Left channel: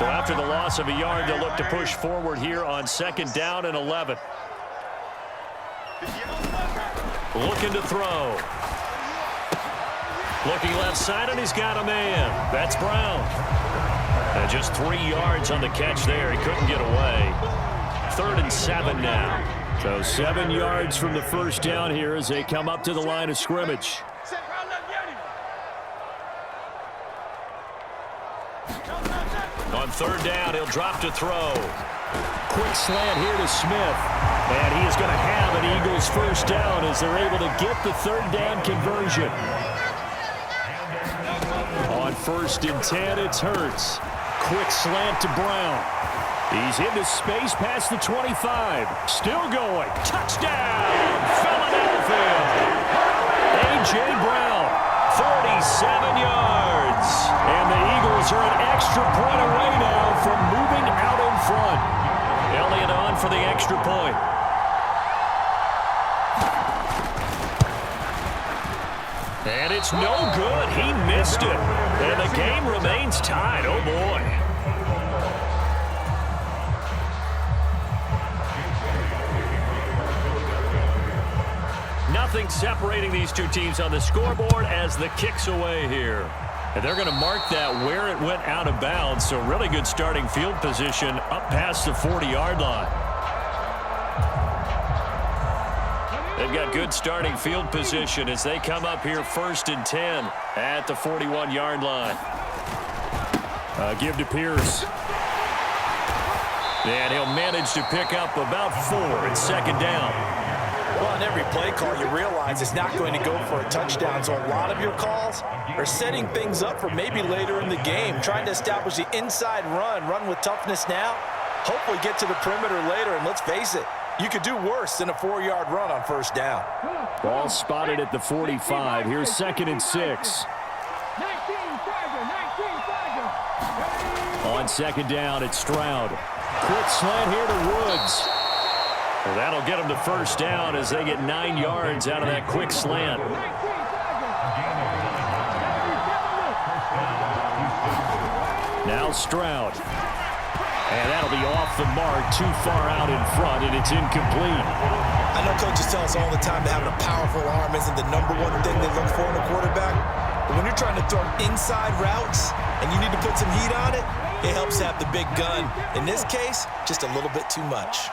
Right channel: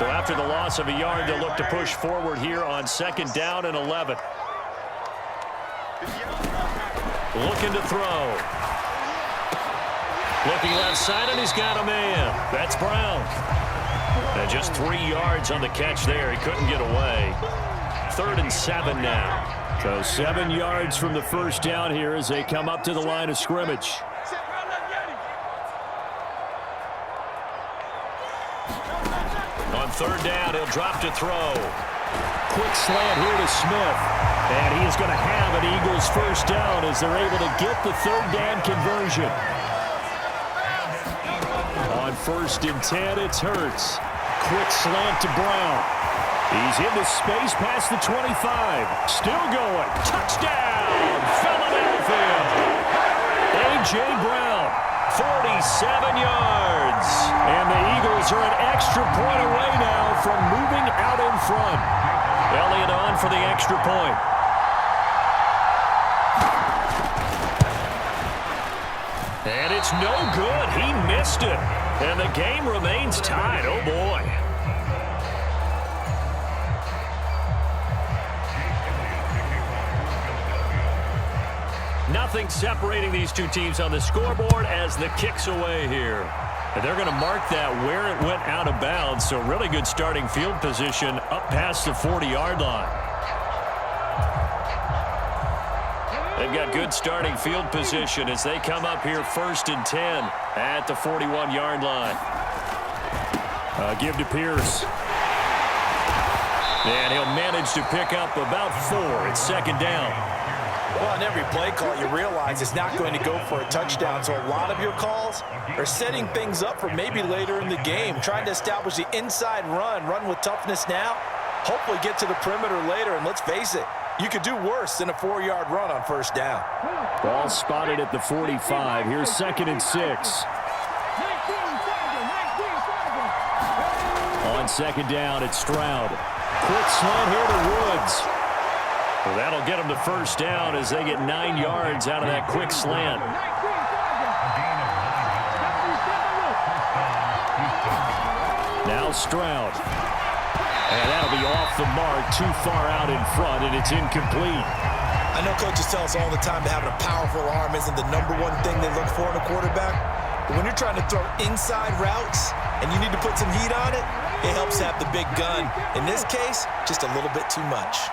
So after the loss of a yard, they'll look to push forward here on 2nd down and 11. Looking to throw. Looking left side, and he's got a man. That's Brown. And just 3 yards on the catch there. He couldn't get away. 3rd and 7 now. So 7 yards from the first down here as they come up to the line of scrimmage. On 3rd down, he'll drop to throw. Quick slant here to Smith. And he is going to have an Eagles first down as they're able to get the 3rd down conversion. On 1st and 10, it's Hurts. Quick slant to Brown. He's into space past the 25. Still going. Touchdown, Philadelphia. A.J. Brown, 47 yards. And the Eagles are an extra point away now from moving out in front. Elliott on for the extra point. And it's no good. He missed it. And the game remains tied. Oh, boy. Nothing separating these two teams on the scoreboard as the kick's away here. And they're going to mark that where it went out of bounds. So really good starting field position up past the 40-yard line. They've got good starting field position as they come up here 1st and 10 at the 41-yard line. Give to Pierce. And he'll manage to pick up about 4. It's 2nd down. Well, on every play call, you realize it's not going to go for a touchdown. So a lot of your calls are setting things up for maybe later in the game, trying to establish the inside run with toughness now, hopefully get to the perimeter later. And let's face it, you could do worse than a 4-yard run on 1st down. Ball spotted at the 45. Here's 2nd and 6. On 2nd down, it's Stroud. Quick slant here to Woods. Well, that'll get them to 1st down as they get 9 yards out of that quick slant. Now Stroud. And that'll be off the mark, too far out in front, and it's incomplete. I know coaches tell us all the time that having a powerful arm isn't the #1 thing they look for in a quarterback. But when you're trying to throw inside routes and you need to put some heat on it, it helps to have the big gun. In this case, just a little bit too much.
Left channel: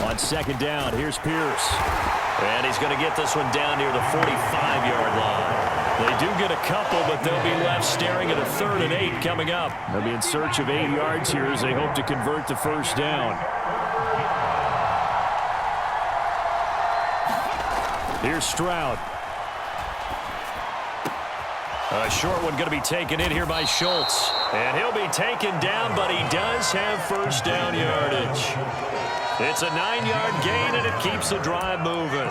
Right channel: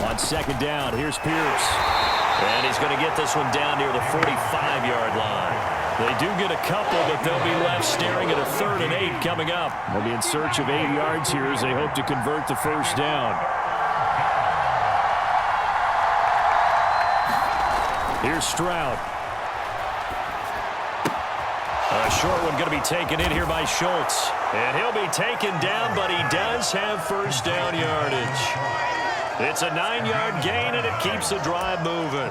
On 2nd down, here's Pierce. And he's going to get this one down near the 45-yard line. They do get a couple, but they'll be left staring at a 3rd and 8 coming up. They'll be in search of 8 yards here as they hope to convert the 1st down. Here's Stroud. A short one going to be taken in here by Schultz. And he'll be taken down, but he does have 1st down yardage. It's a 9-yard gain, and it keeps the drive moving.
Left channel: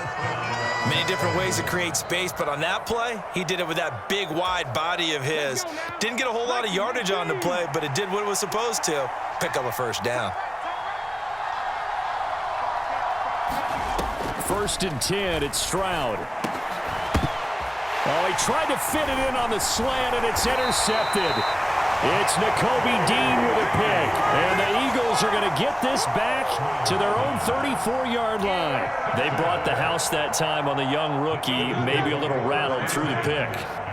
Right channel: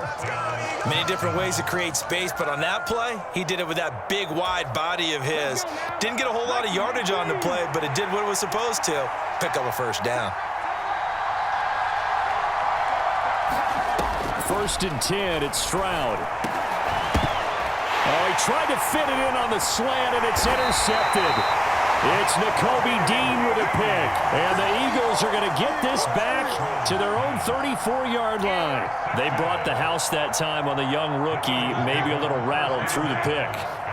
Many different ways to create space, but on that play, he did it with that big, wide body of his. Didn't get a whole lot of yardage on the play, but it did what it was supposed to. Pick up a 1st down. 1st and 10, it's Stroud. Oh, he tried to fit it in on the slant, and it's intercepted. It's Nakobe Dean with a pick. And the Eagles are going to get this back to their own 34-yard line. They brought the house that time on the young rookie, maybe a little rattled through the pick.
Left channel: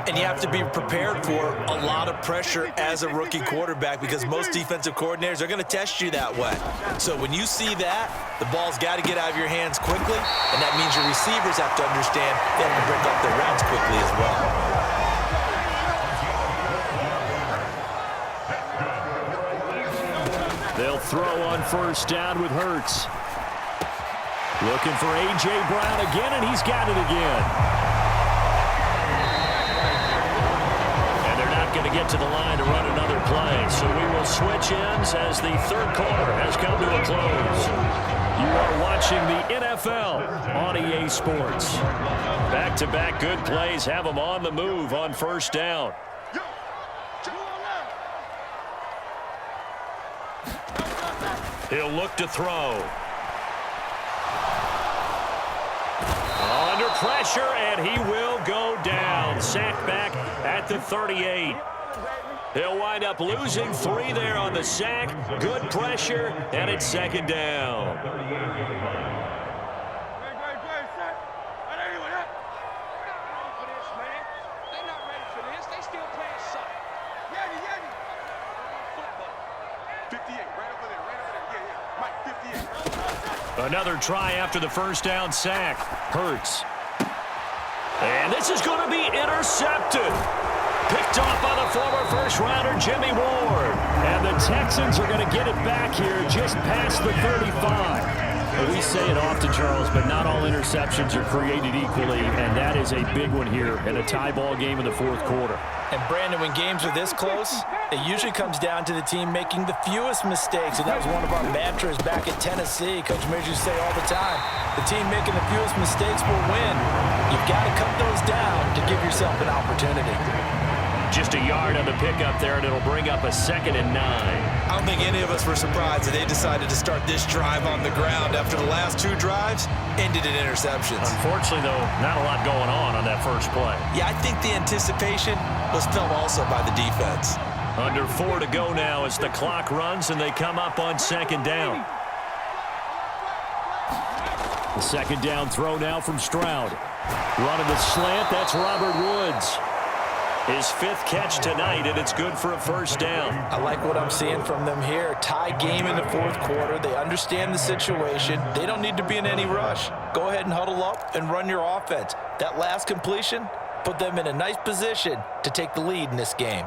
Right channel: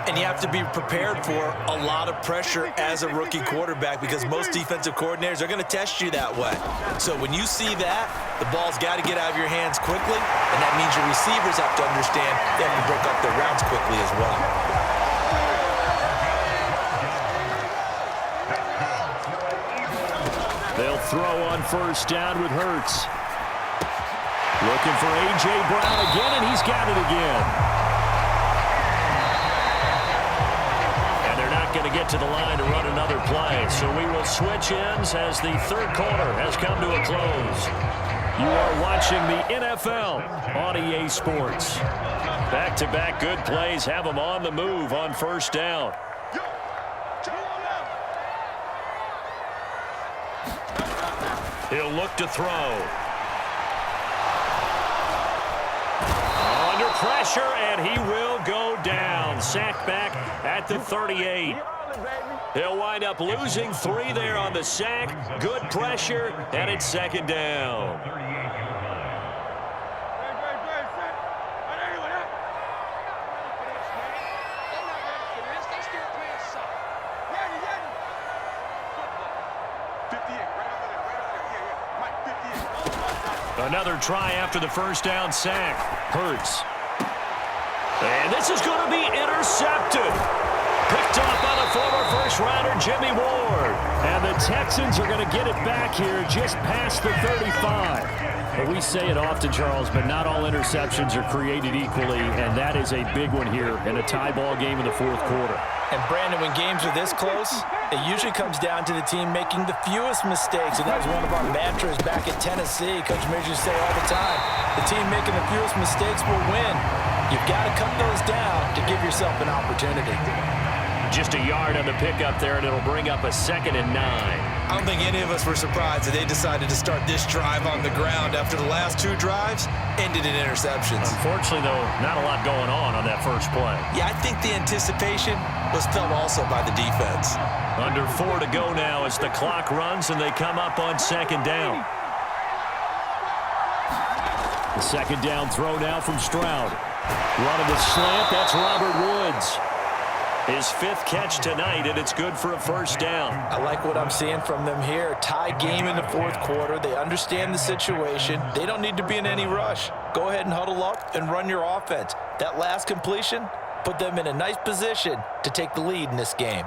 And you have to be prepared for a lot of pressure as a rookie quarterback because most defensive coordinators are going to test you that way. So when you see that, the ball's got to get out of your hands quickly, and that means your receivers have to understand they have to break up their routes quickly as well. They'll throw on 1st down with Hurts. Looking for A.J. Brown again, and he's got it again. And they're not going to get to the line to run another play, so we will switch ends as the 3rd quarter has come to a close. You are watching the NFL on EA Sports. Back-to-back good plays have them on the move on 1st down. He'll look to throw. Under pressure, and he will go down. Sacked back at the 38. He'll wind up losing 3 there on the sack. Good pressure, and it's second down. Another try after the first down sack. Hurts. And this is going to be intercepted. Picked off by the former first-rounder Jimmy Ward. And the Texans are going to get it back here just past the 35. Well, we say it often, Charles, but not all interceptions are created equally, and that is a big one here in a tie ball game in the fourth quarter. And, Brandon, when games are this close, it usually comes down to the team making the fewest mistakes, and that was one of our mantras back at Tennessee. Coach Majors used to say all the time, the team making the fewest mistakes will win. You've got to cut those down to give yourself an opportunity. Just a yard on the pickup there, and it'll bring up a 2nd and 9. I don't think any of us were surprised that they decided to start this drive on the ground after the last 2 drives ended in interceptions. Unfortunately, though, not a lot going on that first play. Yeah, I think the anticipation was felt also by the defense. Under 4 to go now as the clock runs, and they come up on 2nd down. The 2nd down throw now from Stroud. Running the slant, that's Robert Woods. His 5th catch tonight, and it's good for a first down. I like what I'm seeing from them here. Tie game in the fourth quarter. They understand the situation. They don't need to be in any rush. Go ahead and huddle up and run your offense. That last completion put them in a nice position to take the lead in this game.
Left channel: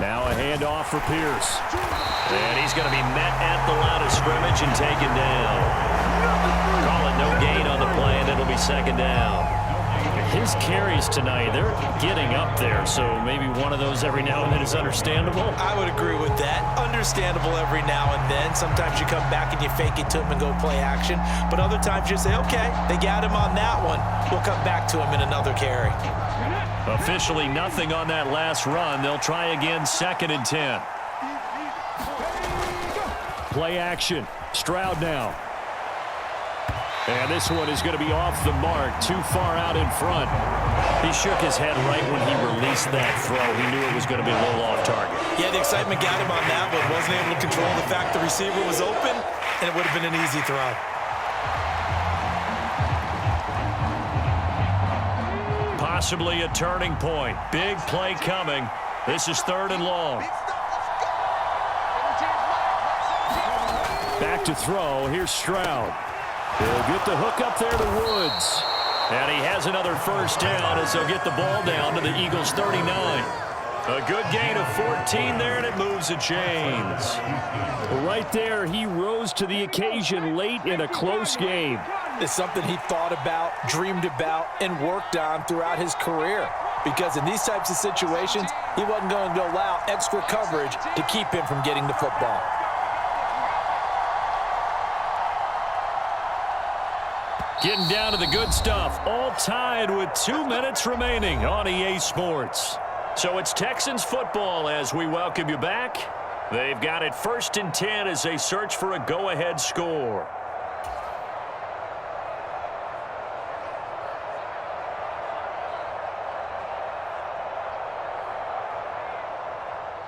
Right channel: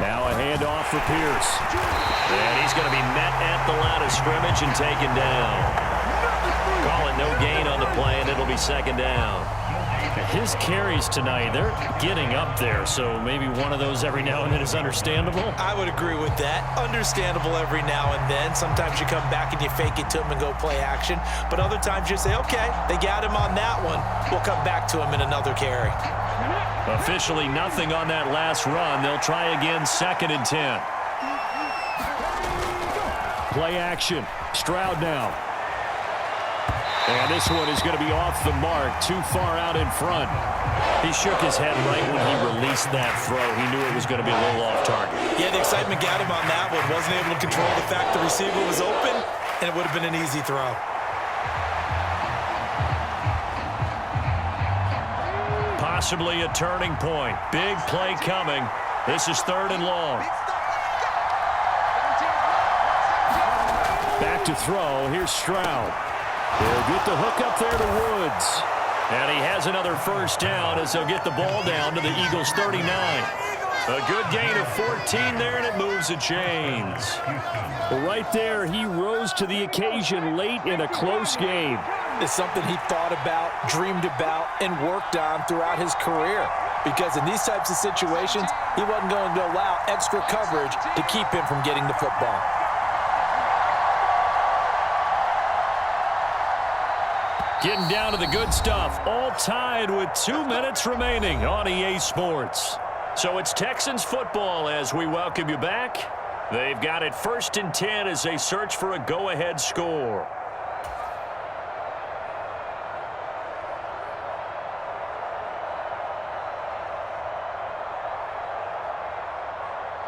Now a handoff for Pierce. And he's going to be met at the line of scrimmage and taken down. Call it no gain on the play, and it'll be 2nd down. His carries tonight, they're getting up there, so maybe one of those every now and then is understandable. I would agree with that. Understandable every now and then. Sometimes you come back and you fake it to him and go play action. But other times you say, okay, they got him on that one. We'll come back to him in another carry. Officially nothing on that last run. They'll try again, 2nd and 10. Play action. Stroud now. And this one is going to be off the mark, too far out in front. He shook his head right when he released that throw. He knew it was going to be a little off target. Yeah, the excitement got him on that one. Wasn't able to control the fact the receiver was open, and it would have been an easy throw. Possibly a turning point. Big play coming. This is 3rd and long. Back to throw. Here's Stroud. He'll get the hook up there to Woods. And he has another first down as they'll get the ball down to the Eagles' 39. A good gain of 14 there, and it moves the chains. Right there, he rose to the occasion late in a close game. It's something he thought about, dreamed about, and worked on throughout his career. Because in these types of situations, he wasn't going to allow extra coverage to keep him from getting the football. Getting down to the good stuff. All tied with 2 minutes remaining on EA Sports. So it's Texans football as we welcome you back. They've got it 1st and 10 as they search for a go-ahead score.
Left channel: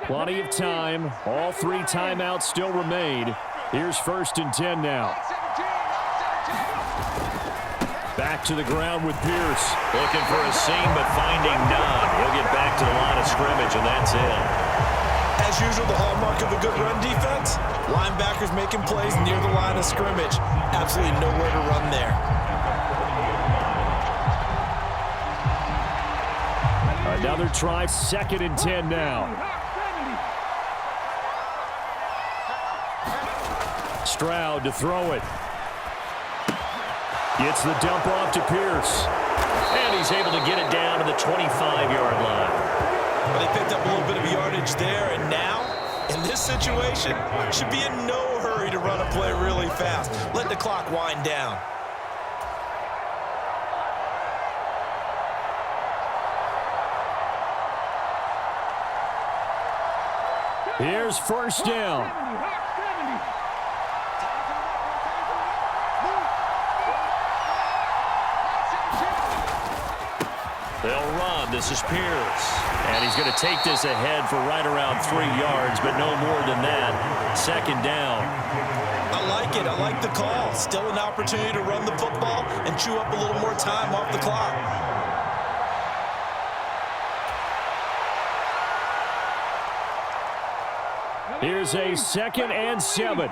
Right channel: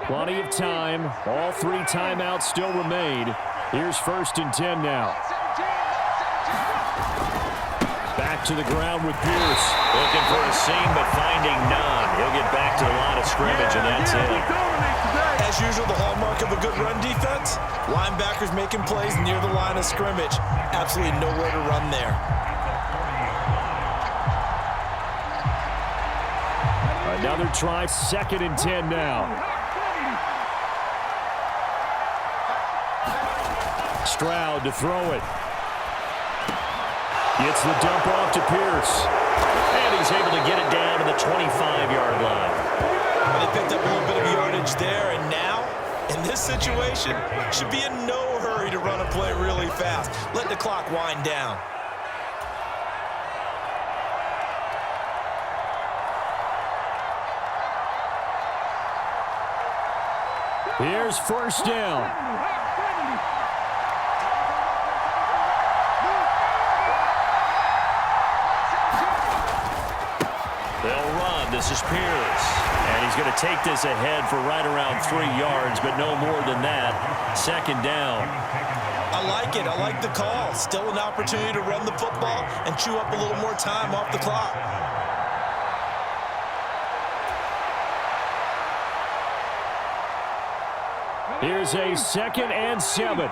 Plenty of time. All 3 timeouts still remain. Here's 1st and 10 now. Back to the ground with Pierce. Looking for a seam, but finding none. He'll get back to the line of scrimmage, and that's it. As usual, the hallmark of a good run defense, linebackers making plays near the line of scrimmage. Absolutely nowhere to run there. Another try, 2nd and 10 now. Stroud to throw it. Gets the dump off to Pierce. And he's able to get it down to the 25-yard line. Well, they picked up a little bit of yardage there, and now, in this situation, should be in no hurry to run a play really fast. Let the clock wind down. Here's first down. They'll run. This is Pierce. And he's going to take this ahead for right around 3 yards, but no more than that. Second down. I like it. I like the call. Still an opportunity to run the football and chew up a little more time off the clock. Here's a 2nd and 7.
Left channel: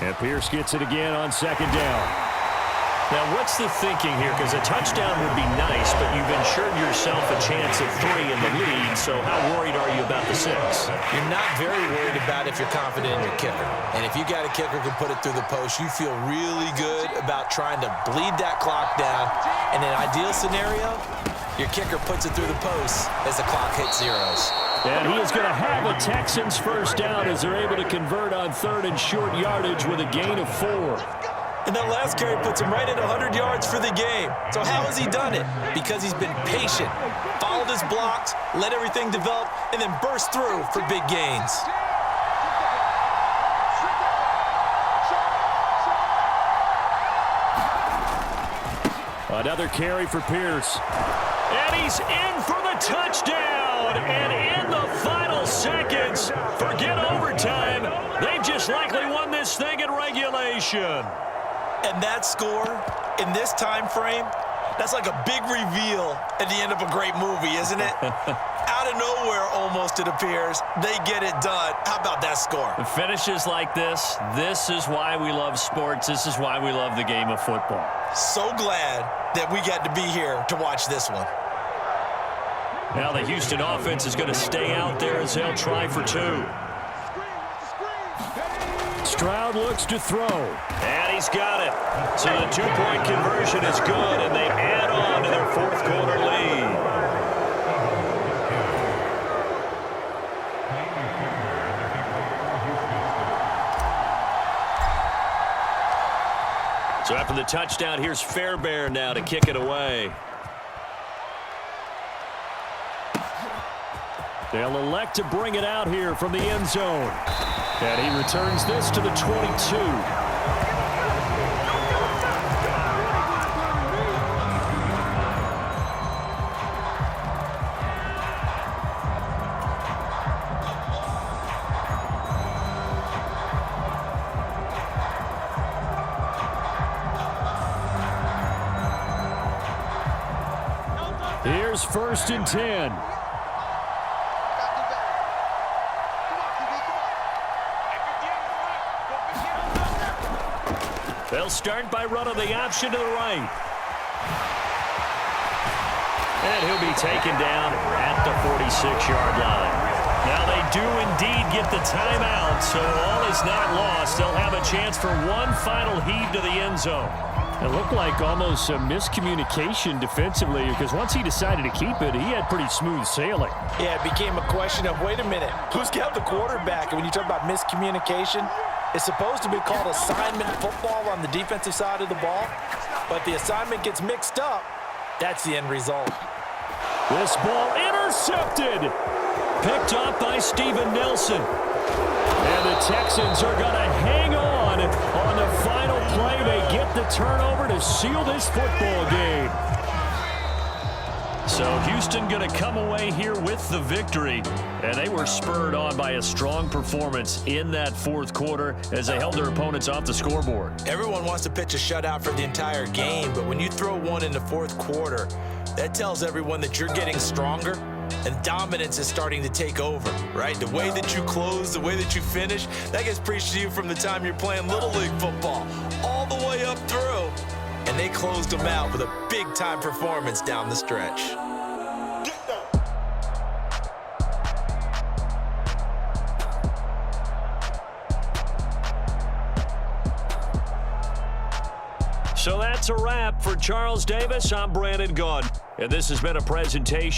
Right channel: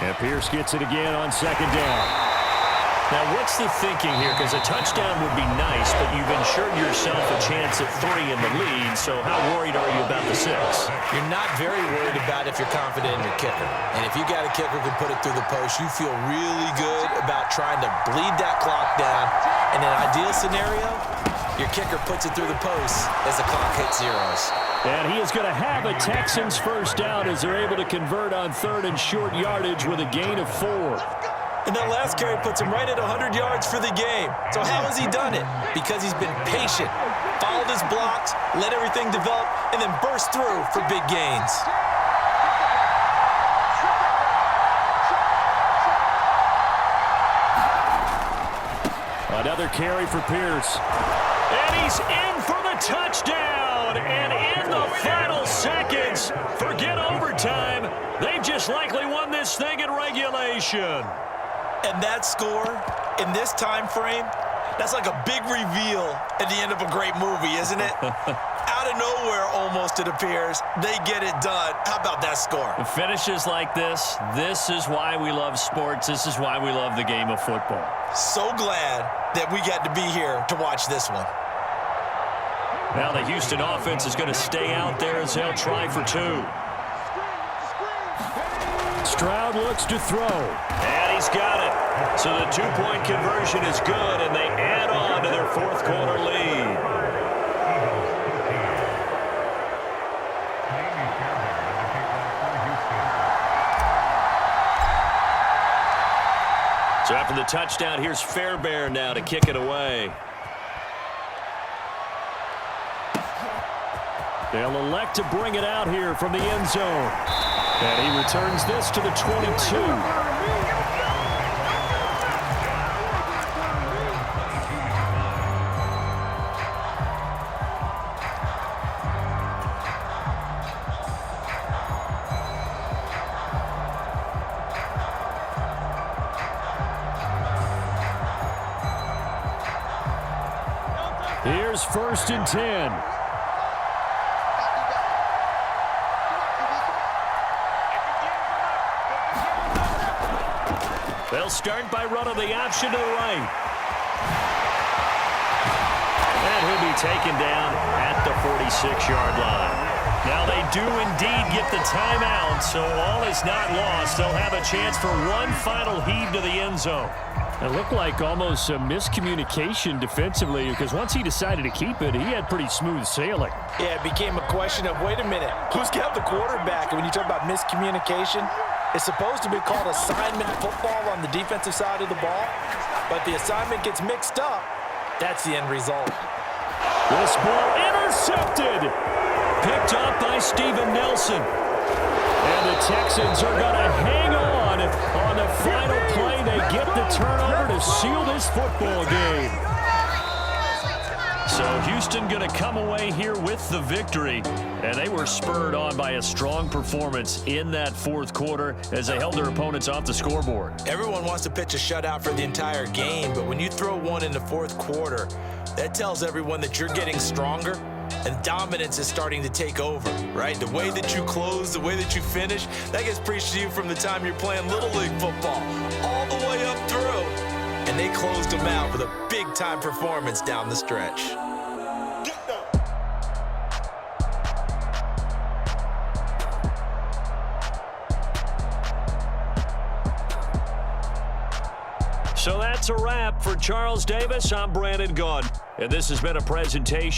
And Pierce gets it again on 2nd down. Now, what's the thinking here? Because a touchdown would be nice, but you've ensured yourself a chance at 3 in the lead, so how worried are you about the 6? You're not very worried about if you're confident in your kicker. And if you got a kicker who can put it through the post, you feel really good about trying to bleed that clock down. In an ideal scenario, your kicker puts it through the post as the clock hits zeros. And he is going to have a Texans first down as they're able to convert on 3rd and short yardage with a gain of 4. And that last carry puts him right at 100 yards for the game. So how has he done it? Because he's been patient, followed his blocks, let everything develop, and then burst through for big gains. Another carry for Pierce. And he's in for the touchdown. And in the final seconds, forget overtime. They've just likely won this thing in regulation. And that score in this time frame, that's like a big reveal at the end of a great movie, isn't it? Out of nowhere, almost, it appears, they get it done. How about that score? The finishes like this is why we love sports. This is why we love the game of football. So glad that we got to be here to watch this one. Now the Houston offense is going to stay out there as they'll try for 2. Stroud looks to throw. And he's got it. So the 2-point conversion is good, and they add on to their 4th quarter lead. So after the touchdown, here's Fairbairn now to kick it away. They'll elect to bring it out here from the end zone. And he returns this to the 22. Here's 1st and 10. They'll start by running the option to the right. And he'll be taken down at the 46-yard line. Now they do indeed get the timeout, so all is not lost. They'll have a chance for one final heave to the end zone. It looked like almost a miscommunication defensively, because once he decided to keep it, he had pretty smooth sailing. Yeah, it became a question of, wait a minute, who's got the quarterback? And when you talk about miscommunication, it's supposed to be called assignment football on the defensive side of the ball, but the assignment gets mixed up. That's the end result. This ball intercepted. Picked up by Steven Nelson. And the Texans are going to hang on the final play. They get the turnover to seal this football game. So Houston going to come away here with the victory. And they were spurred on by a strong performance in that 4th quarter as they held their opponents off the scoreboard. Everyone wants to pitch a shutout for the entire game, but when you throw one in the 4th quarter, that tells everyone that you're getting stronger and dominance is starting to take over, right? The way that you close, the way that you finish, that gets preached to you from the time you're playing Little League football all the way up through. And they closed them out with a big-time performance down the stretch. So that's a wrap for Charles Davis. I'm Brandon Gaudin. And this has been a presentation